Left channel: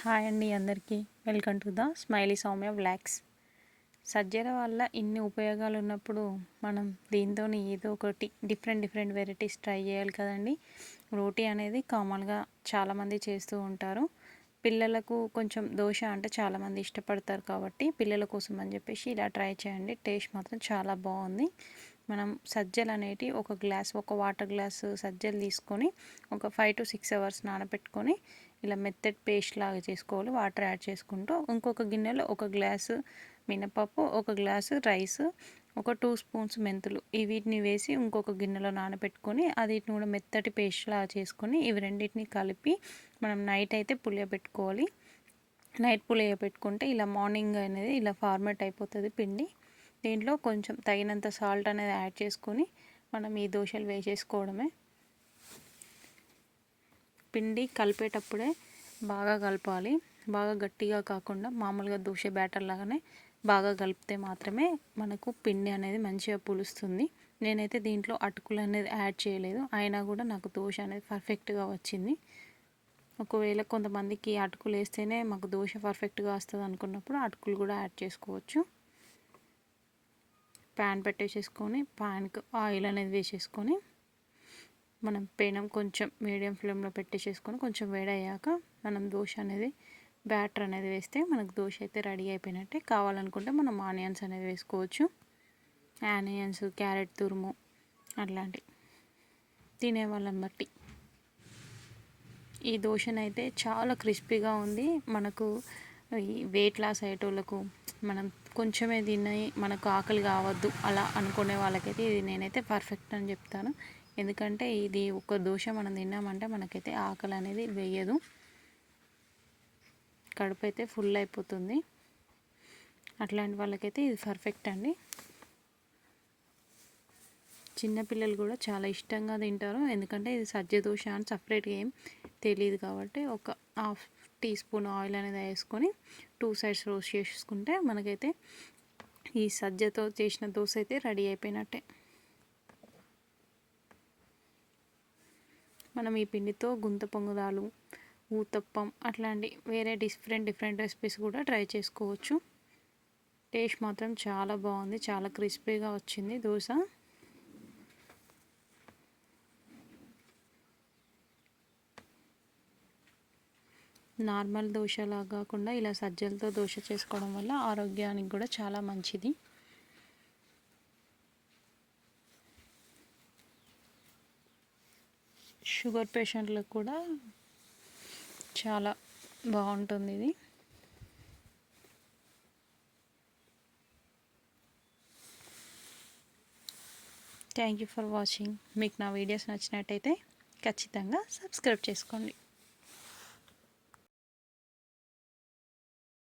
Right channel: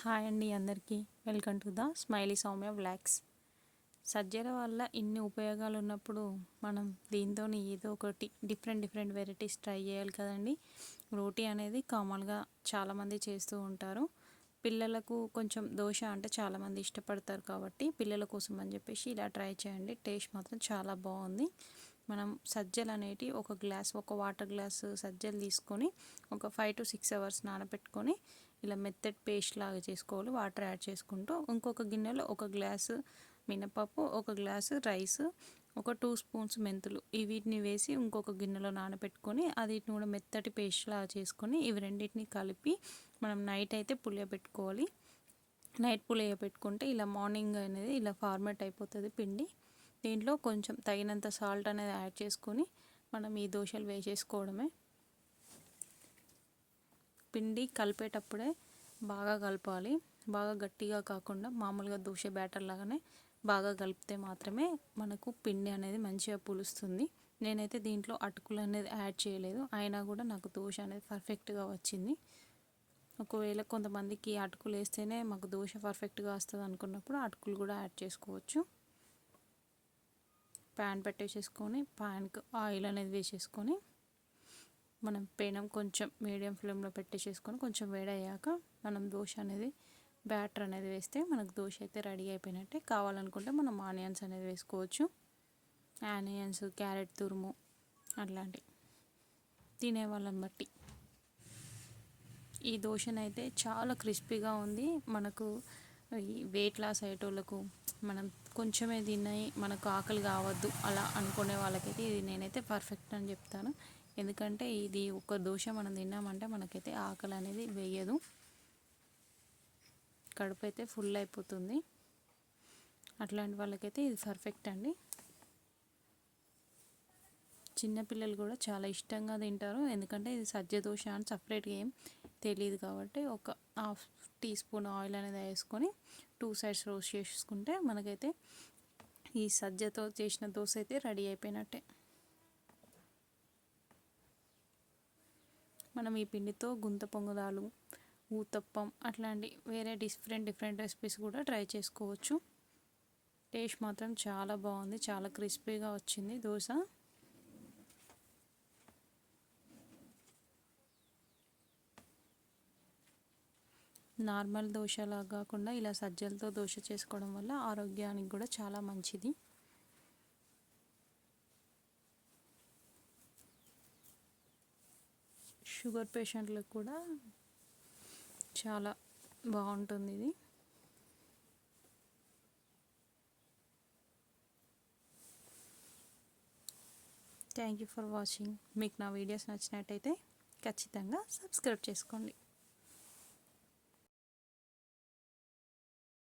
Hi అండి అందరికీ. Welcome to the smiley Soumya vlogs Sajjala వల్ల ఇన్ని ఉపయోగాలు ఉన్నప్పుడు మనం దీంతో ఏదో ఒకటి డిఫరెంట్ డిఫరెంట్ వెరైటీస్ ట్రై చేయాలి కదండి. రోటీ అనేది కామన్గా చాలామంది చేస్తూ ఉంటారు. పిల్లలకు కొంచెం దోశ అంటే చాలామంది ఇష్టపడతారు కాబట్టి పిల్లల కోసం అని చెప్పేసి ఇలా ట్రై చేయండి. టేస్ట్ మాత్రం చాలా బాగుంది. మనం సజ్జలు అనేటి ఒక గ్లాస్ ఒక వాటర్ గ్లాస్ సజ్జలు తీసుకొని ఒక ఫైవ్ టు సిక్స్ అవర్స్ నానబెట్టుకొని ఇలా మెత్తటి పేస్ట్ లాగా చేసుకోవాలి. వాటర్ యాడ్ చేసుకుంటూ ఇంకొక గిన్నెలో ఒక గ్లాసు మినపప్పు ఒక గ్లాసు రైస్ ఒక టూ స్పూన్స్ మెంతులు వీటిని వేసి ఇంకొక గిన్నెలో నానబెట్టుకొని అది కూడా మెత్తటి పేస్ట్ లాగా చేసుకొని ఇవి రెండింటిని కలిపి మనం నైట్ అయితే పులియబెట్టుకోవాలి నైట్ పులియబెట్టుకుంటే ఇలా మార్నింగ్ అనేది ఇలా ఫార్మేట్ అయిపోతుంది పిండి. దీంట్లో కొంచెం తగినంత సాల్ట్ అనేది యాడ్ చేసుకొని మనం ఈ దోశలు వేసేసుకోవడమే. పిండి కలిపేటప్పుడే బాగా కలపాలి. బాగా గట్టిగా కాకుండా మామూలుగా దోశ బ్యాటర్ లాగానే బాగా కలిపితే మాత్రమే మనకు పిండి అనేది మంచిగా పులుస్తుంది. నేనైతే దీంట్లో అటుకులు అనేది యాడ్ చేయలేదు. అయినా కూడా నాకు దోశ అనేది పర్ఫెక్ట్గా వచ్చింది. ఒకవేళ కొంతమందికి అటుకులు వేస్తేనే మాకు దోశ పర్ఫెక్ట్గా వస్తుంది అనుకున్నప్పుడు అటుకులు కూడా యాడ్ చేసుకోవచ్చు. ప్యాన్ పెట్టేసేసుకొని ప్యాన్కి ఆయిల్ అనేది వేసేసుకొని మనం పెనం కొంచెం మీడియం ఫ్లేమ్లో పెట్టేసేసుకొని కొంచెం వేడయ్యాక మనం దోశ అనేది బ్యాటర్ అనేది వేస్తే మనకు దోశ అయితే రెడీ అయిపోయినట్టే. కావాలనుకుంటే మనం ఆనియన్స్ అనేది వేసుకోవచ్చు. ఆనియన్స్ క్యారెట్ తురుము అట్లాంటివి తినే వాళ్ళని బట్టి. ఈ దోశనైతే చాలా క్రిస్పీగా ఉంది. మనకు వెయిట్ లాస్ అయ్యేటోళ్ళకు మనం కొంచెమే తిన్నాయి మనకు ఆకలి కావద్దు అలా అనుకునే వాళ్ళకైతే ఇది నేనైతే పర్ఫెక్ట్ అని చెప్తాను. ఎందుకంటే ఇది ఒక దోశ మనం తిన్నామంటే మనకైతే ఆకలి అనేది వేయదు. కడుపు అయితే ఫుల్ అయిపోతుంది. అట్లాంటి వాళ్ళకైతే ఇది పర్ఫెక్ట్ అండి. చిన్నపిల్లలు కూడా చాలా ఇష్టంగా తింటారు. ఎందుకంటే ఇది సజ్జ దోశ అని సపరేట్గా ఏం తెలియదు కాబట్టి ఒక హాఫ్ టీ స్పూన్ ఆయిల్ అనేది వేసుకొని టూ సైడ్స్ రోస్ట్ చేసుకుంటే మనకైతే ఈ సజ్జతో చేసిన దోశ అయితే రెడీ అయిపోయినట్టే. మనం ఈ పిండితో గుంత పొంగుదాలు ఊతప్పం అట్లాంటి వేరే డిఫరెంట్ డిఫరెంట్ రెసిపీస్ కూడా ట్రై చేసుకోవచ్చు. టేస్ట్ మాత్రం చాలా బాగుంది చాలా క్రిస్పీగా వచ్చింది దోశ. నార్మల్ దోశలా కాకుండా ఇలా సజ్జలతో దోశ చేసుకోవడం వల్ల ఆరోగ్యానికి కూడా చాలా మంచిది. షుగర్ పేషెంట్లకు కూడా చాలా బాగుంటుంది ఇది. థ్యాంక్ యూ ఫర్ వాచింగ్ మీకు నా వీడియోస్ నచ్చినట్టయితే ఖచ్చితంగా సబ్స్క్రైబ్ చేసుకోండి.